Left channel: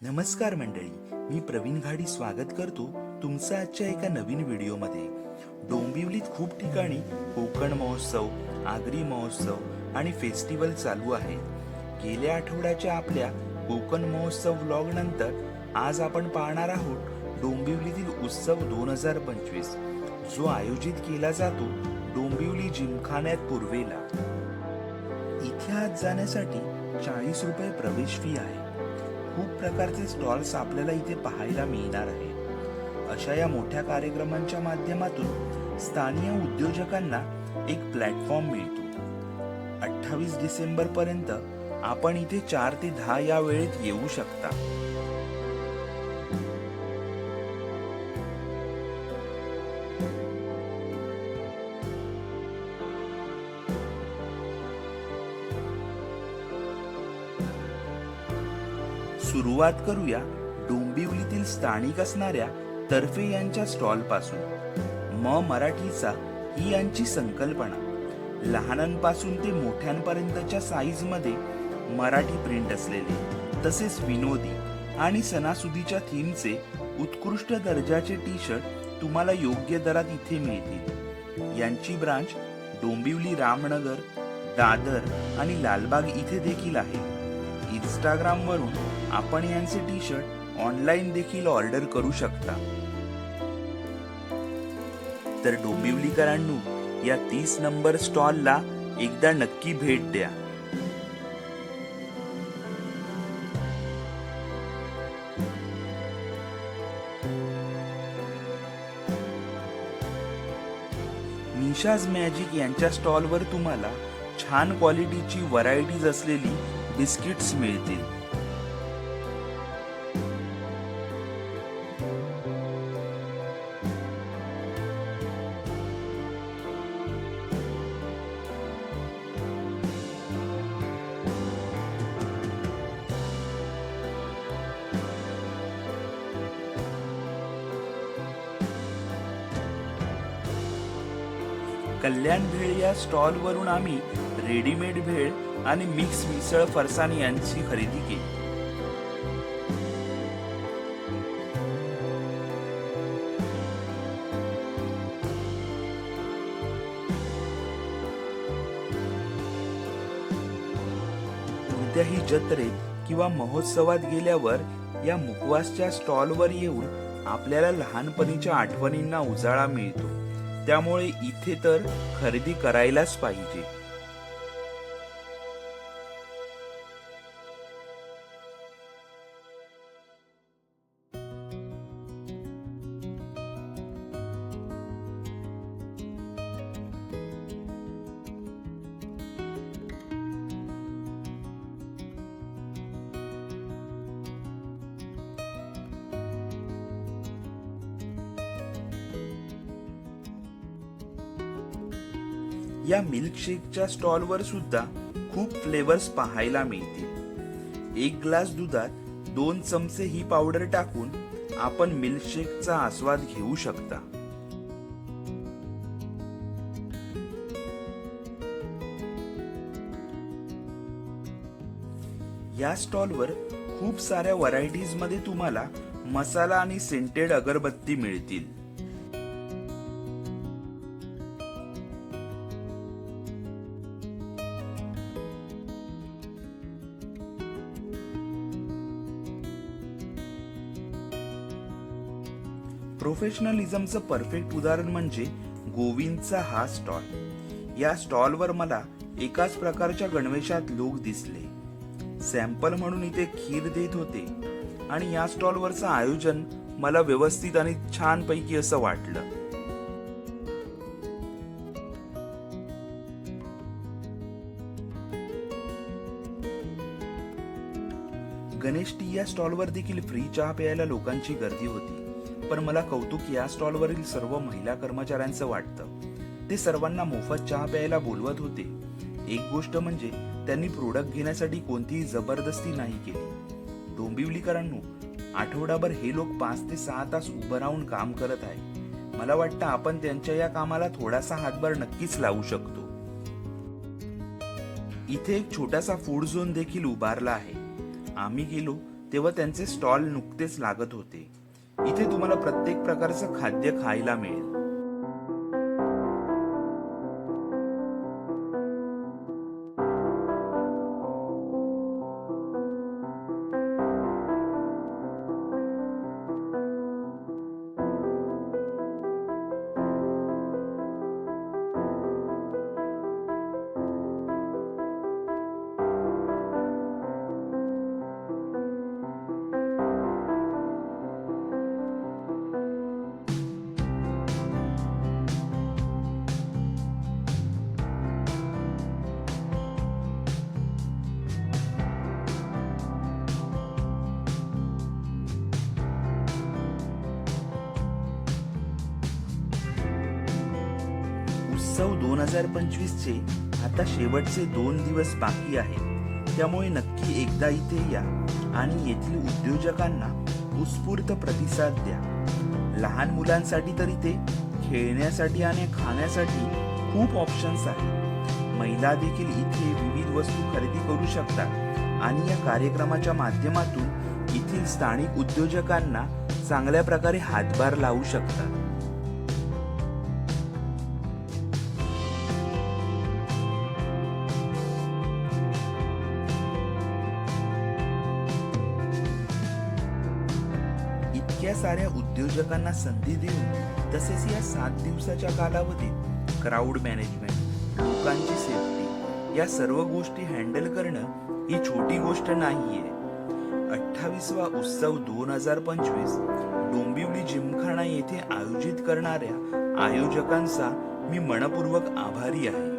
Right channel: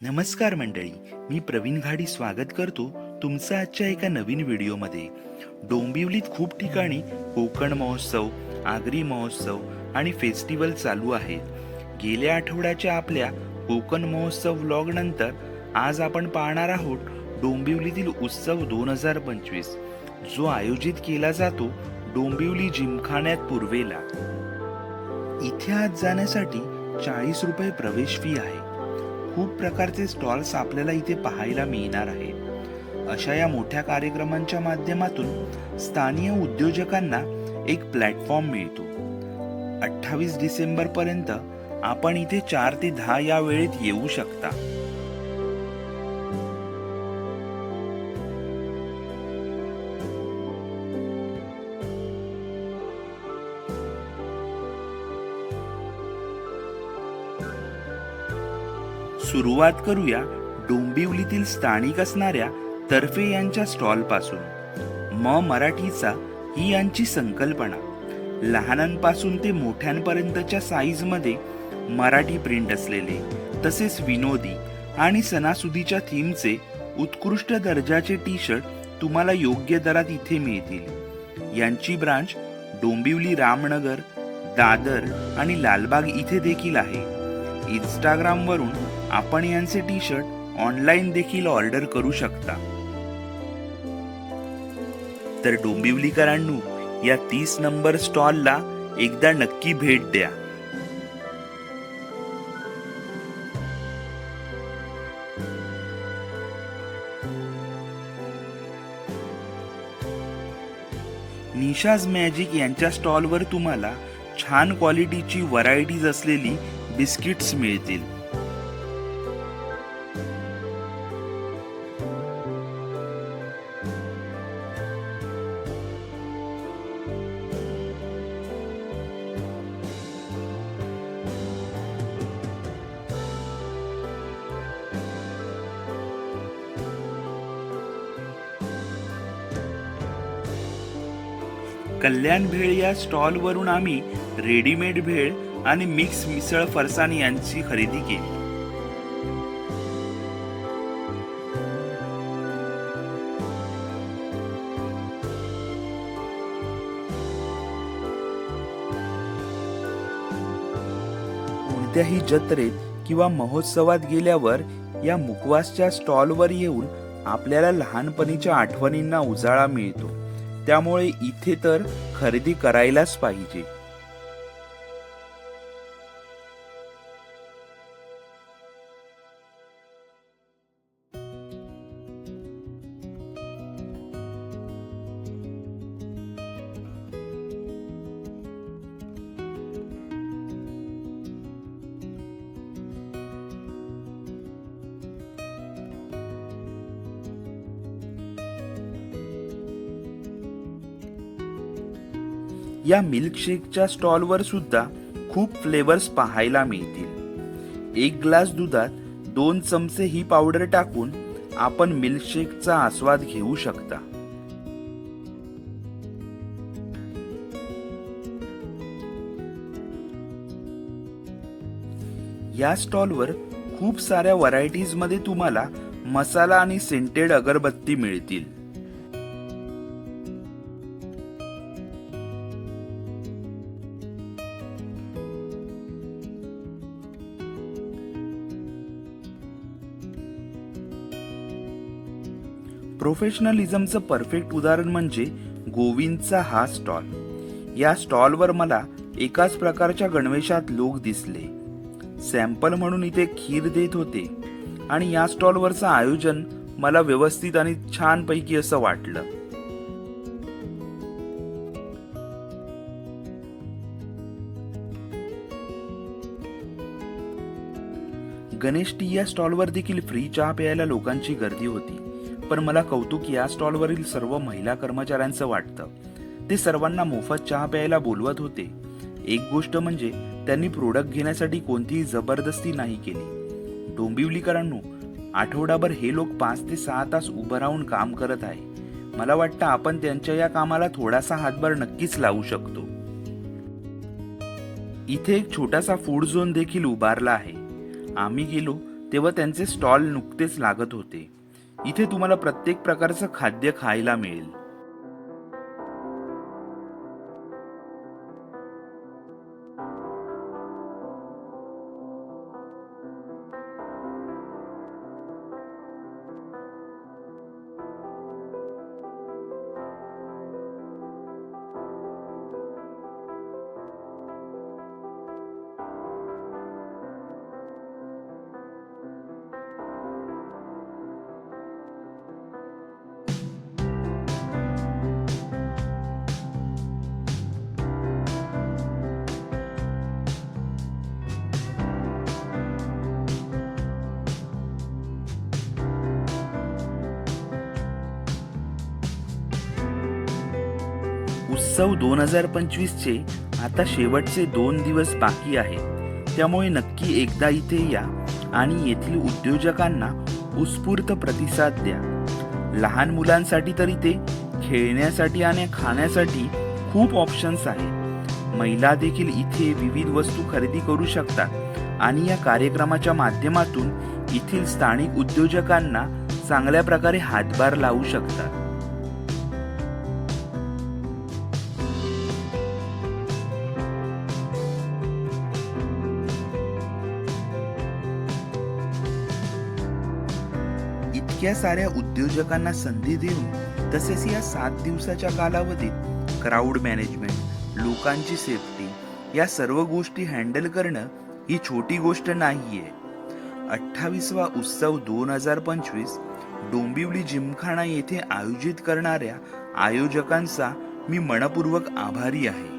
नमस्कार मंडळी, मी प्रवीण घाडी स्वागत करतो तुमचं आजच्या एका नवीन व्हिडिओमध्ये. डोंबिवलीत खूप ठिकाणी कोकण महोत्सव, आगरी महोत्सव आणि फेस्टिवल चालू आहे. गेल्या आठवड्याच्या आपल्या कोकण महोत्सव व्लॉग नंतर आज आपण पाहणार आहोत डोंबिवलीतील उत्सव 2025, जो आयोजित केला जातो डोंबिवली जिमखान्यात पूर्वेला. इथे आज जाण्यासाठी 40 रुपये प्रवेश फी आहे. खूप प्रकारचे स्टॉल्स आपल्याला इथे पाहायला मिळणार आहेत. अशा या मोठ्या कार्यक्रमांच्या माध्यमातून स्थानिक उद्योजकांना एक प्लॅटफॉर्म मिळतो. 28 डिसेंबर पर्यंत आपण इथे 4 ते 10 या वेळेत येऊ शकता. सुरुवात करूया डोंबिवलीतील स्थानिक असणाऱ्या तर्फे यांच्या स्टॉल पासून. मराठीचा ही यांची संकल्पना. लहानांपासून ते मोठ्यांपर्यंतच्या साईज मध्ये मराठी प्रिंट असलेले, तसेच विनोदी आणि सणासुदीच्या थीमचे उत्कृष्ट दर्जाचे टी शर्ट तुम्हाला योग्य दरात इथे मिळतील. यांची ब्रांच डोंबिवली, रामनगर, दादर आणि लालबाग इथे देखील आहे. इंस्टाग्राम वरून आपण यांचे टी शर्ट ऑनलाईन देखील ऑर्डर करू शकता. तर डोंबिवलीकरांनो, या 30 नंबर स्टॉलला एकदा नक्की भेट द्या. निशाज मॅजिक यांच्या स्टॉलवर तुम्हाला छान क्वालिटीची व्हरायटीज असलेली बिस्किट्स मिळतील. कल्याण भेळ या स्टॉल वरून आम्ही रेडीमेड भेळ आणि मिक्स मिसळ फरसाण यांची खरेदी केली. कोणत्याही जत्रेत किंवा महोत्सवात गेल्यावर या मुखवासच्या स्टॉलवर येऊन आपल्याला लहानपणीच्या आठवणींना उजाळा मिळतो. त्यामुळे इथे तर खरेदी करायलाच पाहिजे. या मिल्कशेकच्या स्टॉलवर सुद्धा खूप फ्लेवर्स पाहायला मिळतील. 1 ग्लास दुधात 2 चमचे ही पावडर टाकून आपण मिल्कशेकचा आस्वाद घेऊ शकता. या स्टॉलवर खूप साऱ्या व्हरायटीज मध्ये तुम्हाला मसाला आणि सेंटेड अगरबत्ती मिळतील. प्रोफेशनलिझमचं परफेक्ट उदाहरण म्हणजे गोविंदचा हा स्टॉल. या स्टॉलवर मला एकाच प्रकारच्या गणवेशात लोक दिसले. सॅम्पल म्हणून इथे खीर देत होते आणि या स्टॉलवरचं आयोजन मला व्यवस्थित आणि छान पैकी असं वाटलं. गणेश टी या स्टॉलवर देखील फ्री चहा प्यायला लोकांची गर्दी होती. पण मला कौतुक या स्टॉलवरील सर्व महिला कर्मचाऱ्यांचं वाटतं. ते सर्वांना मोफत चहा प्यायला बोलवत होते. एक गोष्ट म्हणजे त्यांनी प्रोडक्ट घेण्यासाठी कोणतीही जबरदस्ती नाही केली. डोंबिवलीकरांनो, आठवडाभर हे लोक 5 ते 6 तास उभं राहून काम करत आहे. मला वाटतं आपण त्यांच्या या कामाला थोडासा हातभार नक्कीच लावू शकतो. इथे एक छोटासा फूड झोन देखील उभारला आहे. आम्ही गेलो तेव्हा त्यांचे स्टॉल नुकतेच लागत होते. इथे तुम्हाला प्रत्येक प्रकारचं खाद्य खायला मिळेल. उत्सव 2025 चे आता शेवटचे 2 दिवस बाकी आहेत. त्यामुळे नक्की एकदा इथे या आणि येथील उद्योजकांना उत्स्फूर्त प्रतिसाद द्या. लहान मुलांसाठी तर इथे खेळण्यासाठी आणि खाण्यासाठी खूप ऑप्शन्स आहेत. महिला देखील इथे विविध वस्तू खरेदी करू शकतात आणि या कार्यक्रमाच्या माध्यमातून येथील स्थानिक उद्योजकांना चांगल्या प्रकारे हातभार लावू शकतात. इतक्या साऱ्या उद्योजकांना संधी देऊन तसेच या 7 दिवसाच्या कालावधीत क्राऊड मॅनेजमेंट, लोकांची सेफ्टी या सर्व गोष्टी हँडल करणं ही छोटी गोष्ट नाहीये. 28वा उत्सव 2025 डोंबिवली जिमखाना येथे आयोजित करणाऱ्या आयोजकांचा मी मनपूर्वक आभारी आहे.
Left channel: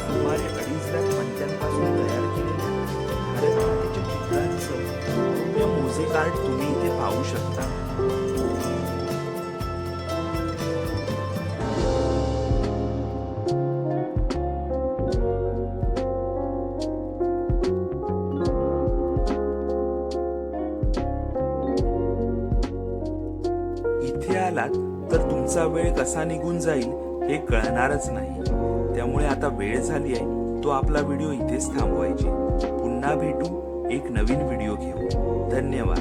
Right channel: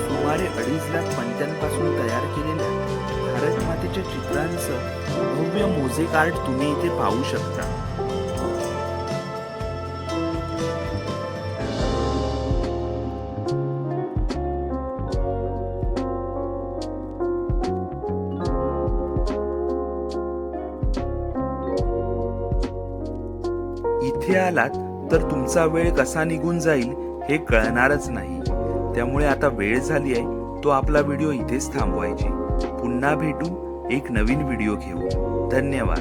सुमारे 2.5 लाख पंचांपासून तयार केलेल्या भारत मातेच्या चित्रांचं भव्य मोझेक आर्ट तुम्ही इथे पाहू शकता. इथे आलात तर तुमचा वेळ कसा निघून जाईल हे कळणारच नाही. त्यामुळे आता वेळ झाली आहे तो आपला व्हिडिओ इथेच थांबवायची. पुन्हा भेटू एक नवीन व्हिडिओ घेऊन. धन्यवाद.